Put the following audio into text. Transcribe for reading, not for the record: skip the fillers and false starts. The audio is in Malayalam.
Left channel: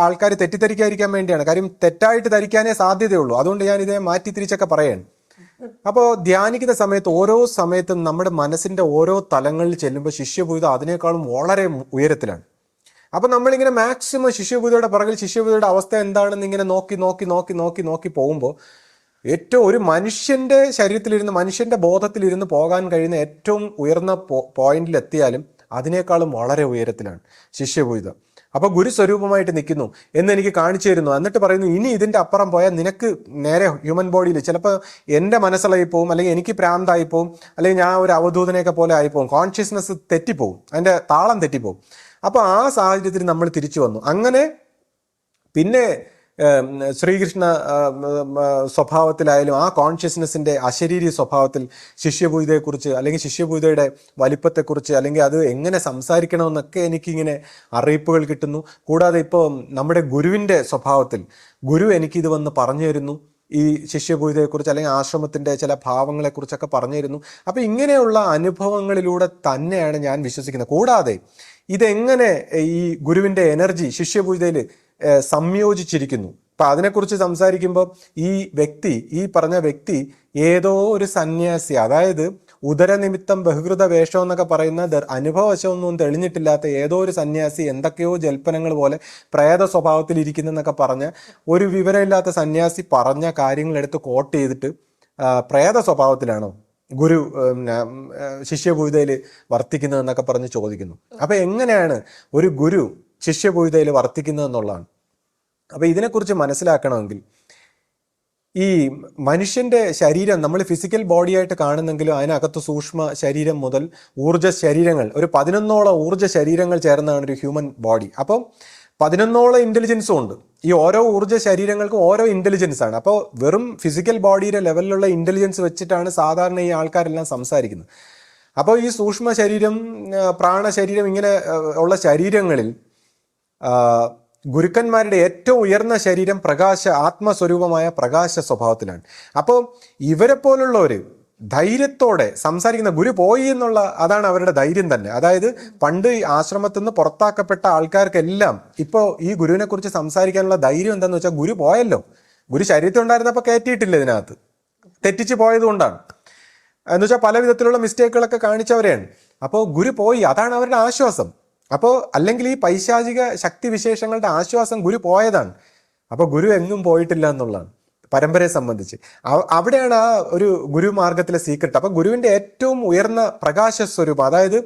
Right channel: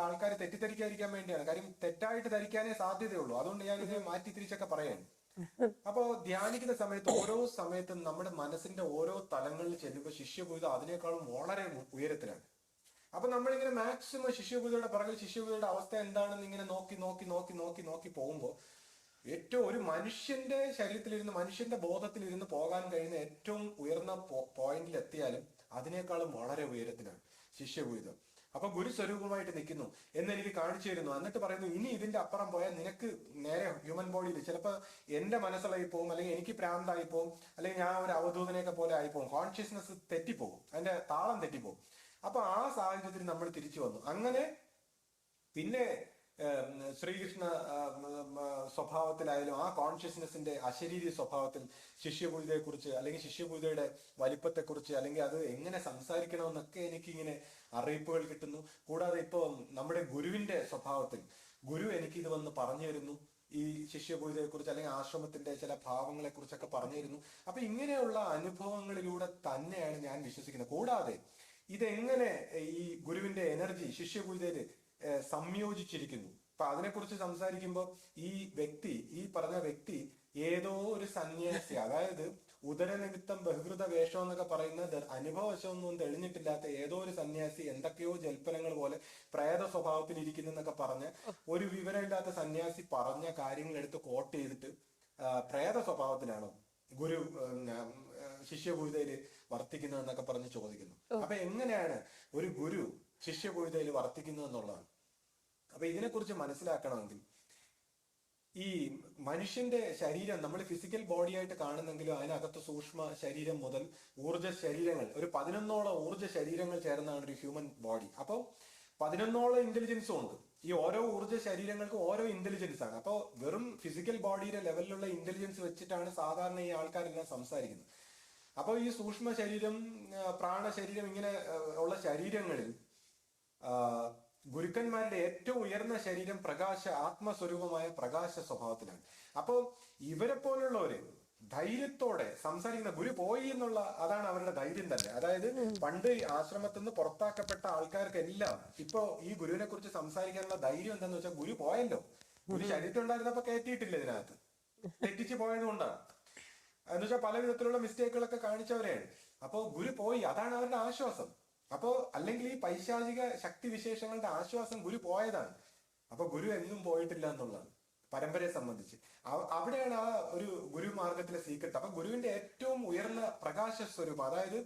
ആൾക്കാർ തെറ്റിദ്ധരിക്കാതിരിക്കാൻ വേണ്ടിയാണ്. കാര്യം തെറ്റായിട്ട് ധരിക്കാനേ സാധ്യതയുള്ളൂ. അതുകൊണ്ട് ഞാൻ ഇതേ മാറ്റി തിരിച്ചൊക്കെ പറയാണ്. അപ്പോൾ ധ്യാനിക്കുന്ന സമയത്ത് ഓരോ സമയത്തും നമ്മുടെ മനസ്സിന്റെ ഓരോ തലങ്ങളിൽ ചെല്ലുമ്പോൾ ശിഷ്യഭൂത അതിനേക്കാളും വളരെ ഉയരത്തിലാണ്. അപ്പൊ നമ്മളിങ്ങനെ മാക്സിമം ശിഷ്യഭൂതയുടെ പുറകിൽ ശിഷ്യഭൂതയുടെ അവസ്ഥ എന്താണെന്ന് ഇങ്ങനെ നോക്കി നോക്കി നോക്കി നോക്കി നോക്കി പോകുമ്പോൾ ഏറ്റവും ഒരു മനുഷ്യന്റെ ശരീരത്തിലിരുന്ന് മനുഷ്യന്റെ ബോധത്തിലിരുന്ന് പോകാൻ കഴിയുന്ന ഏറ്റവും ഉയർന്ന പോയിന്റിൽ എത്തിയാലും അതിനേക്കാളും വളരെ ഉയരത്തിലാണ് ശിഷ്യഭൂതം. അപ്പൊ ഗുരുസ്വരൂപമായിട്ട് നിൽക്കുന്നു എന്ന് എനിക്ക് കാണിച്ചു തരുന്നു. എന്നിട്ട് പറയുന്നു, ഇനി ഇതിന്റെ അപ്പുറം പോയാൽ നിനക്ക് നേരെ ഹ്യൂമൻ ബോഡിയിൽ ചിലപ്പോൾ എൻ്റെ മനസ്സിലായി പോവും, അല്ലെങ്കിൽ എനിക്ക് പ്രാന്തായി പോവും, അല്ലെങ്കിൽ ഞാൻ ഒരു അവധൂതനെയൊക്കെ പോലെ ആയിപ്പോവും, കോൺഷ്യസ്നെസ് തെറ്റിപ്പോവും, അതിന്റെ താളം തെറ്റിപ്പോവും. അപ്പൊ ആ സാഹചര്യത്തിൽ നമ്മൾ തിരിച്ചു വന്നു. അങ്ങനെ പിന്നെ ശ്രീകൃഷ്ണ സ്വഭാവത്തിലായാലും ആ കോൺഷ്യസ്നെസ്സിന്റെ അശരീരി സ്വഭാവത്തിൽ ശിഷ്യഭൂതയെക്കുറിച്ച് അല്ലെങ്കിൽ ശിഷ്യഭൂതയുടെ വലിപ്പത്തെക്കുറിച്ച് അല്ലെങ്കിൽ അത് എങ്ങനെ സംസാരിക്കണമെന്നൊക്കെ എനിക്കിങ്ങനെ അറിയിപ്പുകൾ കിട്ടുന്നു. കൂടാതെ ഇപ്പോൾ നമ്മുടെ ഗുരുവിൻ്റെ സ്വഭാവത്തിൽ ഗുരു എനിക്കിത് വന്ന് പറഞ്ഞു തരുന്നു, ഈ ശിഷ്യഭൂതയെക്കുറിച്ച് അല്ലെങ്കിൽ ആശ്രമത്തിൻ്റെ ചില ഭാവങ്ങളെക്കുറിച്ചൊക്കെ പറഞ്ഞു തരുന്നു. അപ്പം ഇങ്ങനെയുള്ള അനുഭവങ്ങളിലൂടെ തന്നെയാണ് ഞാൻ വിശ്വസിക്കുന്നത്. കൂടാതെ ഇതെങ്ങനെ ഈ ഗുരുവിൻ്റെ എനർജി ശിഷ്യഭൂതയിൽ സംയോജിച്ചിരിക്കുന്നു. അപ്പൊ അതിനെക്കുറിച്ച് സംസാരിക്കുമ്പോൾ ഈ പറഞ്ഞ വ്യക്തി ഏതോ ഒരു സന്യാസി, അതായത് ഉദരനിമിത്തം ബഹുകൃത വേഷം എന്നൊക്കെ പറയുന്ന അനുഭവവശമൊന്നും തെളിഞ്ഞിട്ടില്ലാത്ത ഏതോ ഒരു സന്യാസി എന്തൊക്കെയോ ജൽപ്പനങ്ങൾ പോലെ പ്രേത സ്വഭാവത്തിൽ ഇരിക്കുന്നതെന്നൊക്കെ പറഞ്ഞ ഒരു വിവരമില്ലാത്ത സന്യാസി പറഞ്ഞ കാര്യങ്ങളെടുത്ത് കോട്ട് ചെയ്തിട്ട് പ്രേത സ്വഭാവത്തിലാണോ ഗുരു ശിഷ്യഭൂതയിൽ വർത്തിക്കുന്നതെന്നൊക്കെ പറഞ്ഞ് ചോദിക്കുന്നു. അപ്പൊ എങ്ങനെയാണ് ഒരു ഗുരു ശിഷ്യഭൂതയിൽ വർത്തിക്കുന്നത് എന്നുള്ളതാണ്. അപ്പൊ ഇതിനെക്കുറിച്ച് മനസ്സിലാക്കണമെങ്കിൽ ഈ മനുഷ്യന്റെ ശരീരം നമ്മൾ ഫിസിക്കൽ ബോഡിയായിട്ട് കാണുന്നെങ്കിലും അതിനകത്ത് സൂക്ഷ്മ ശരീരം മുതൽ ഊർജ്ജ ശരീരങ്ങൾ, ഒരു 11ഓളം ഊർജ്ജ ശരീരങ്ങൾ ചേർന്നതാണ് ഒരു ഹ്യൂമൻ ബോഡി. അപ്പം 11ഓളം ഇന്റലിജൻസും ഉണ്ട്. ഈ ഓരോ ഊർജ്ജ ശരീരങ്ങൾക്കും ഓരോ ഇന്റലിജൻസ് ആണ്. അപ്പോൾ വെറും ഫിസിക്കൽ ബോഡിയുടെ ലെവലിലുള്ള ഇന്റലിജൻസ് വെച്ചിട്ടാണ് സാധാരണ ഈ ആൾക്കാരെല്ലാം സംസാരിക്കുന്നത്. അപ്പോൾ ഈ സൂക്ഷ്മ ശരീരം, പ്രാണശരീരം, ഇങ്ങനെ ഉള്ള ശരീരങ്ങളിൽ ഗുരുക്കന്മാരുടെ ഏറ്റവും ഉയർന്ന ശരീരം ആത്മസ്വരൂപമായ പ്രകാശ സ്വഭാവത്തിലാണ്. അപ്പോൾ ഇവരെ പോലുള്ളവർ ധൈര്യത്തോടെ സംസാരിക്കുന്ന, ഗുരു പോയി എന്നുള്ള അതാണ് അവരുടെ ധൈര്യം തന്നെ. അതായത് പണ്ട് ആശ്രമത്തിൽ നിന്ന് പുറത്താക്കപ്പെട്ട ആൾക്കാർക്കെല്ലാം ഇപ്പോൾ ഈ ഗുരുവിനെ കുറിച്ച് സംസാരിക്കാനുള്ള ധൈര്യം എന്താണെന്ന് വെച്ചാൽ, ഗുരു പോയല്ലോ, ഗുരു ശരീരത്തിൽ ഉണ്ടായിരുന്നപ്പോൾ കയറ്റിയിട്ടില്ല, ഇതിനകത്ത് തെറ്റിച്ച് പോയത് കൊണ്ടാണ്. എന്ന് വെച്ചാൽ പല വിധത്തിലുള്ള മിസ്റ്റേക്കുകളൊക്കെ കാണിച്ചവരെയാണ്. അപ്പോൾ ഗുരു പോയി, അതാണ് അവരുടെ ആശ്വാസം. അപ്പോൾ അല്ലെങ്കിൽ ഈ പൈശാചിക ശക്തി വിശേഷങ്ങളുടെ ആശ്വാസം ഗുരു പോയതാണ്. അപ്പോൾ ഗുരു എങ്ങും പോയിട്ടില്ല എന്നുള്ളതാണ് പരമ്പരയെ സംബന്ധിച്ച്. അവിടെയാണ് ആ ഒരു ഗുരുമാർഗത്തിലെ സീക്രട്ട്. അപ്പൊ ഗുരുവിന്റെ ഏറ്റവും ഉയർന്ന പ്രകാശ സ്വരൂപം, അതായത്